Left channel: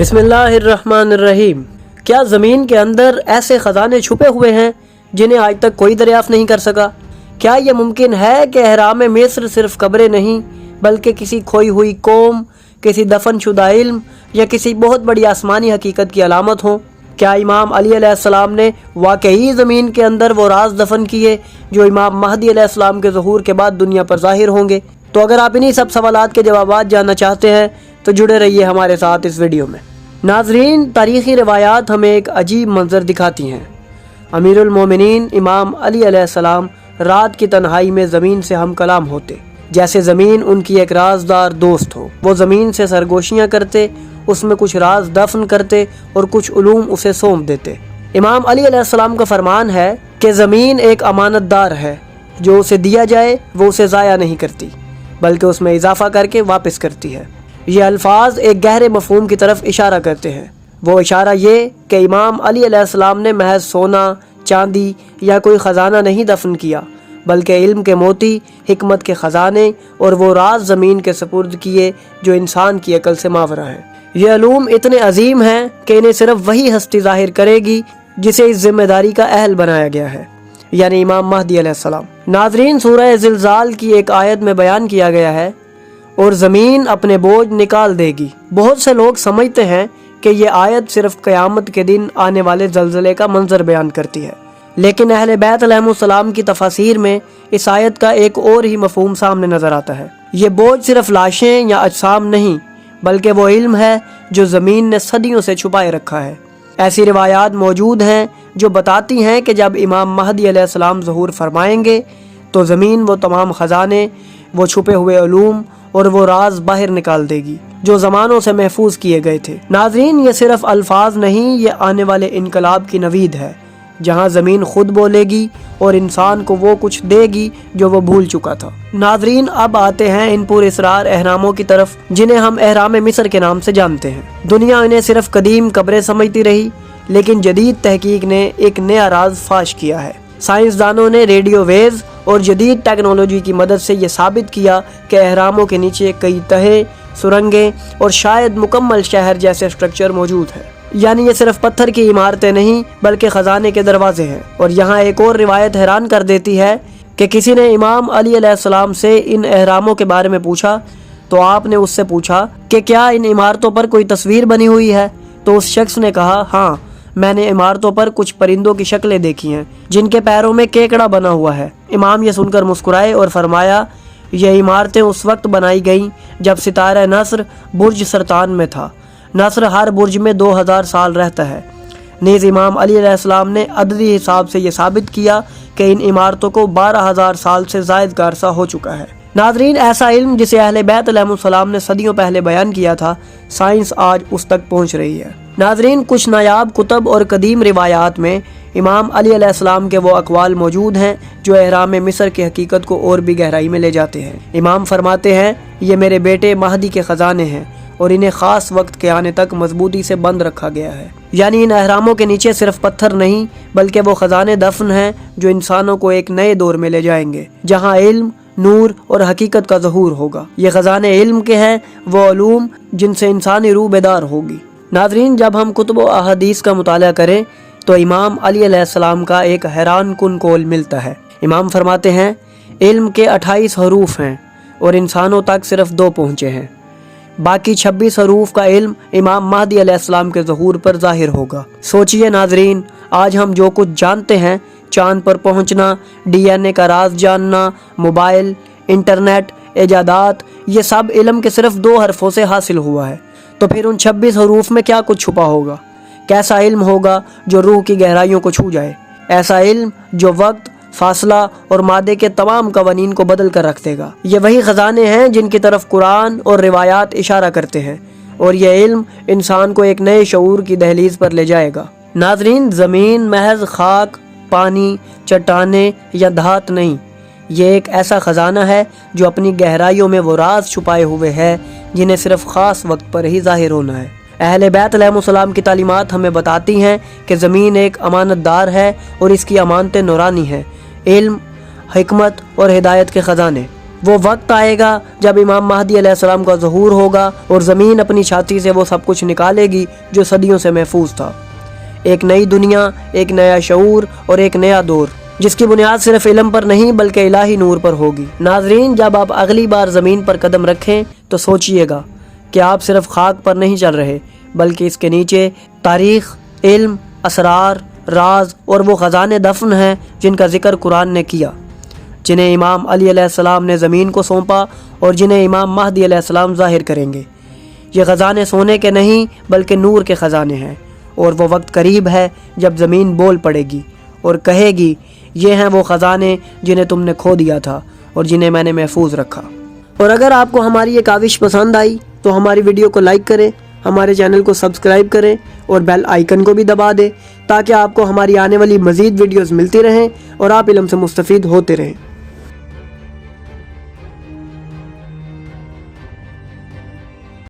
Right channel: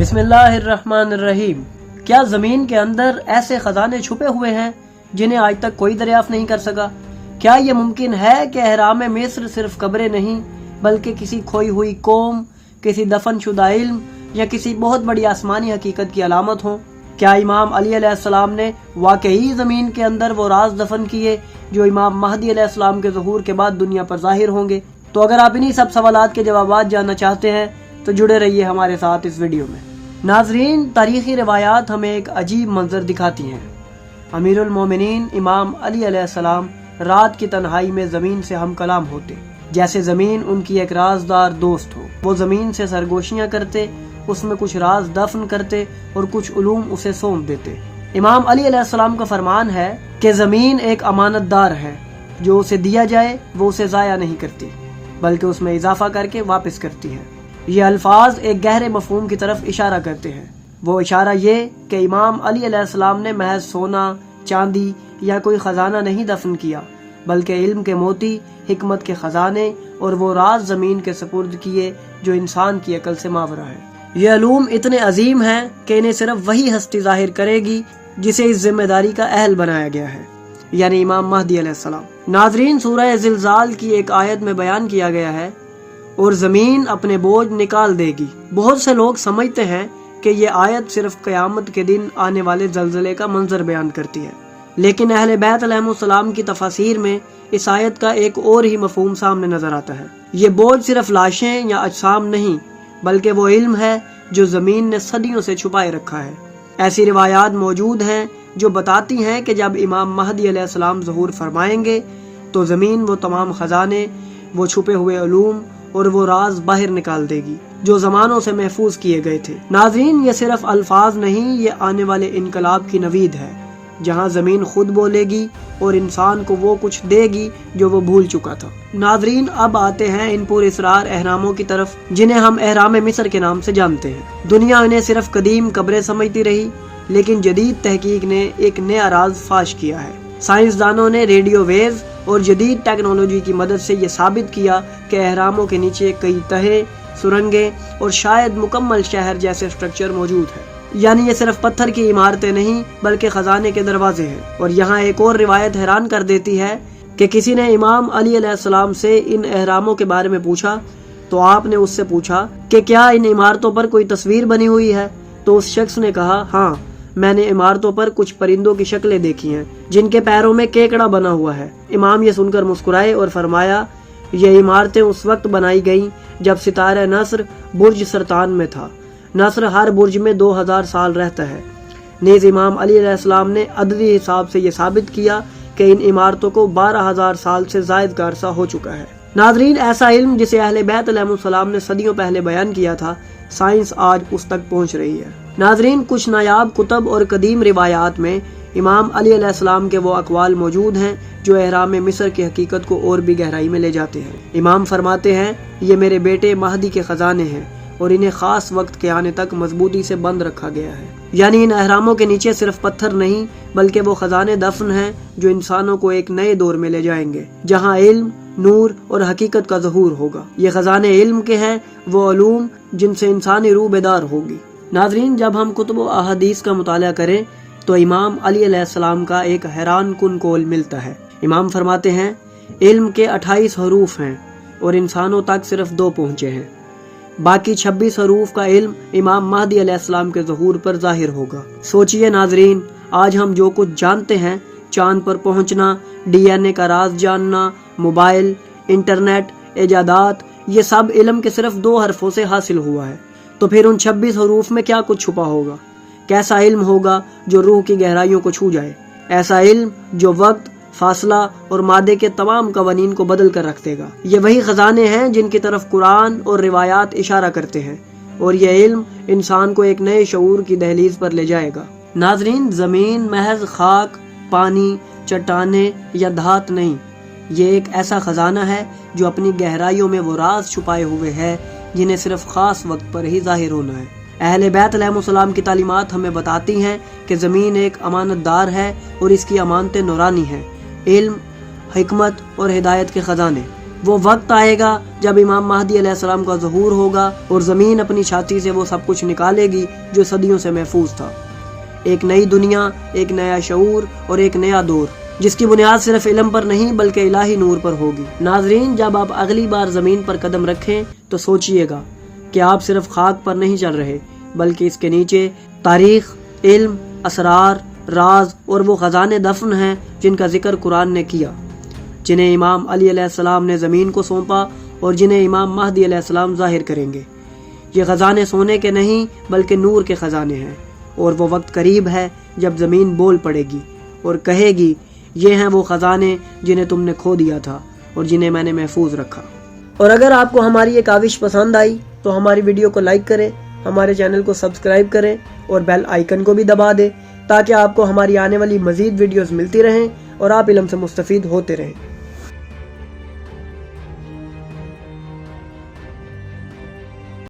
बिस्मिल्लाहिर्रहमानिर्रहीम। क्या ज़मीन के अंदर ऐसे ख़जाने छुपे हुए हैं जिन्हें आज तक कोई दरियाफ़्त नहीं कर सका? क्या ये मुमकिन है कि अहराम मिस्र सिर्फ कब्रें नहीं बल्कि किसी खोई हुई कौम, किसी दफन शुदा इल्म या किसी बहुत बड़ी आसमानी हकीकत की अलामत हो? क्या इमाम अली अलैहिस्सलाम ने वाकई ज़मीन के अंदर वो राज दफन किए जो इमाम महदी अलैहिस्सलाम के ज़हूर के बाद दुनिया पर ज़ाहिर होंगे? तो अगर आप इन्हीं सब सवालात के जवाबात जानना चाहते हैं तो जुड़े रहिए हमारे साथ इस वीडियो में। नाजरीन, तारीख़ी रिवायात हमें एक अजीब मंजर दिखाती हैं। अमीरुल मोमिनीन इमाम अली अलैहिस्सलाम रात की तन्हाई में ज़मीन से हम कलाम होते, जैसे ज़मीन उनकी एक राजदार दोस्त हो। वो ज़मीन से सरगोशियाँ करते, उसमें कुछ राज दफन करते और कुछ उलूम उसे सौंप देते। इमाम अली अलैहिस्सलाम का फरमान है कि ज़मीन एक अमानतदार है, जो उसे दिया जाए वो उसे ज़ाया नहीं करती बल्कि उसमें इजाफा करके वापस करती है। ये अल्फाज एक गहरे मफहूम की तरफ इशारा करते हैं। वो इशारा ये कि इमाम अली अलैहिस्सलाम ने महज सोना, चांदी या कोई ख़जाना नहीं दफन किया, बल्कि इल्म के मोती, हिकमत के ख़जाने और वो राज ज़मीन के सपुर्द किए जो इंसान की अकल से मावरा है। ये अलूम इतने अजीम हैं कि इन्हें सिर्फ वही हस्ती ज़ाहिर करेगी जिसे इस जिम्मेदारी का अहल बनाया गया है, यानी इमाम महदी अलैहिस्सलाम। नाज़रीन, सूरह ज़िलज़ाल की एक आयत में बयान किया गया है, और ज़मीन अपने बोझ निकाल देगी। बहुत से लोग समझते हैं कि ये आयत सिर्फ क़यामत के दिन आने वाले ज़लज़ले का मंजर बयान करती है, लेकिन अहले बैत अलैहिमुस्सलाम की तफासीर में इस आयत का एक और ही मफहूम सामने नजर आता है। ये बोझ सिर्फ लाशें या अजसाम नहीं, बल्कि वो इल्म है जो ज़मीन ने सदियों से छुपाए रखा है। ऐसी रिवायात मौजूद हैं जो बताती हैं कि जब इमाम महदी अलैहिस्सलाम ज़हूर फरमाएंगे तो ज़मीन वो तमाम ख़जाने, वो छुपे हुए उलूम और वो राज बाहर निकाल देगी जो ज़मानों से महफूज किए गए थे। नाज़रीन, ये सिर्फ अल्फाज नहीं, ये आने वाले इनकलाब की नवीद है, जहाँ ज़मीन खुद बोलेगी और इंसान को वो कुछ देगी जो वो भूल चुका था। नाज़रीन, अब आते हैं इन पुरअसरार अहरामों की तरफ जिन्हें हम अहराम मिस्र के नाम से जानते हैं। दुनिया इन्हें सिर्फ कदीम कब्रें समझती रही, लेकिन जदीद तहकीक ने एक नया राज फाश किया है। साइंसदानों ने रेडियो वेव्स और जदीद टेक्नोलॉजी की मदद से ये साबित किया कि अहरामों के नीचे कई तहें, सुरंगें और शायद मुकम्मल शहर जैसे स्ट्रक्चर मौजूद हैं। यानी ये सिर्फ पत्थर की इमारतें नहीं बल्कि खजाने के दरवाजे हैं। और यहाँ एक और रिवायत हैरान कर देती है कि किसी ने इमाम अली अलैहिस्सलाम से इन अहरामों के बारे में पूछा तो आपने उससे पूछा कि क्या इन इमारतों पर कोई तस्वीर बनी हुई है? तो उस शख्स ने कहा, हाँ, मैंने इमारतों पर कुछ परिंदों की शक्लें देखी हैं जिनके पैरों में केकड़ा बना हुआ है। इमाम ये सुनकर मुस्कुराए और फरमाया, ये इमारतें उस वक्त बनाई गईं जब सितारा नस्र बुर्ज सरतान में था। नस्र हर बुर्ज में 2000 साल रहता है। नीज़ इमाम अली अलैहिस्सलाम ने अददी हिसाब से ये साबित किया कि इन इमारतों को 12,000 साल से ज़ायद का अरसा हो चुका है। नाज़रीन, ऐसा इल्म जिसे अहले बैत अलैहिमुस्सलाम ने सदियों पहले बयान किया था, साइंस आज उस तक पहुँच रही है। नाज़रीन, कुछ नायाब कुतब और कदीम रिवायात में इमाम अली अलैहिस्सलाम के वो अक़वाल मौजूद हैं जो अहराम मिस्र की हकीकत को और भी गहराई में ले जाते हैं। इमाम फरमाते हैं, ये मेरे बेटे महदी के ख़जाने हैं और इन्हें ख़ास वक्त के आने तक मजबूती से बंद रखा गया है। यानी इन अहरामों के नीचे सिर्फ पत्थर नहीं बल्कि वो ख़जाने दफन हैं जो इंसानों को एक नए दौर में ले जाएंगे, जहाँ इल्म, नूर और हकीकत का ज़हूर होगा। ये ख़जाने इल्म के हैं, वो उलूम जिनसे इंसानी रूह बेदार होगी। नाज़रीन, जब हम कुतुब व अहादीस का मुताला करें तो इमाम अली अलैहिस्सलाम का एक हैरान कुन कौल मिलता है। इमाम फरमाते हैं, इल्म के 28 हरूफ हैं और इंसानों तक सिर्फ 2 पहुँचे हैं। बाकी 26 हरूफ का इल्म इमाम महदी अलैहिस्सलाम के ज़हूर पर ज़ाहिर होगा। सोचिए नाज़रीन, आज हम जो कुछ जानते हैं, चांद पर पहुंचना, DNA का राज जानना, मोबाइल, इंटरनेट, इजादात, ये सब इल्म के सिर्फ 2 हरफों से हासिल हुआ है। तो फिर उन 26 हरूफ में क्या कुछ छुपा होगा? कैसा इल्म होगा जो रूह की गहराइयों को छू जाए? ऐसा इल्म जो वक्त, फासला और मादे के तमाम कवानीन को बदल कर रख देगा। ये वही ख़जाने हैं जिनकी तरफ कुरान और रिवायात इशारा करते हैं, और यह इल्म इंसान को एक नए शऊर की दहलीज पर ले जाएगा। नाज़रीन, ज़मीन महज खाक, पानी, चट्टाने या धात नहीं, ये एक ऐसा ख़जाना है जो अपनी गहराइयों में वो राज छुपाए हुए है जिन्हें सिर्फ ख़ास वक्त पर ही ज़ाहिर होना है। अहले बैत अलैहिमुस्सलाम की तालीमात हमें बताती हैं कि ज़मीन एक अमानतदार है और इसकी अमानतें नूरानी हैं, इल्म, हिकमत और हिदायत के ख़जाने। وہ وقت آئے گا جب امام مہدی علیہ السلام کا ظہور ہوگا اور زمین اپنی چھاتی سے وہ سب کچھ نکالے گی جو صدیوں سے محفوظ تھا۔ ایک نئی دنیا، ایک نیا شعور اور ایک نیا دور، جس کی بنیاد صرف علم پر نہیں بلکہ الہی نور پر ہوگی۔ ناظرین، جب آپ اگلی بار زمین پر قدم رکھیں تو سوچئے گا کہ آپ صرف خاک پر نہیں چل رہے، بلکہ اس کے نیچے تاریخ، علم، اسرار، راز اور وہ خزانے دفن ہیں جن کا ذکر قرآن نے کیا، جنہیں امام علی علیہ السلام نے زمین کو سونپا اور جنہیں امام مہدی علیہ السلام ظاہر کریں گے۔ یہ خزانے سونے کے نہیں بلکہ نور کے خزانے ہیں، اور وہ وقت قریب ہے جب زمین بول پڑے گی اور کہے گی، یہ ہیں وہ خزانے جنہیں تم نے کھو دیا تھا اور جنہیں میں نے محفوظ رکھا۔ اور اگر آپ کو ہماری یہ کاوش پسند آئی تو ہماری ویڈیو کو لائک کریں، ہمارے چینل کو سبسکرائب کریں اور بیل آئیکن کو بھی دبا دیں تاکہ آپ کو ہماری آنے والی مزید ویڈیوز ملتی رہیں اور آپ علم سے مستفید ہوتے رہیں۔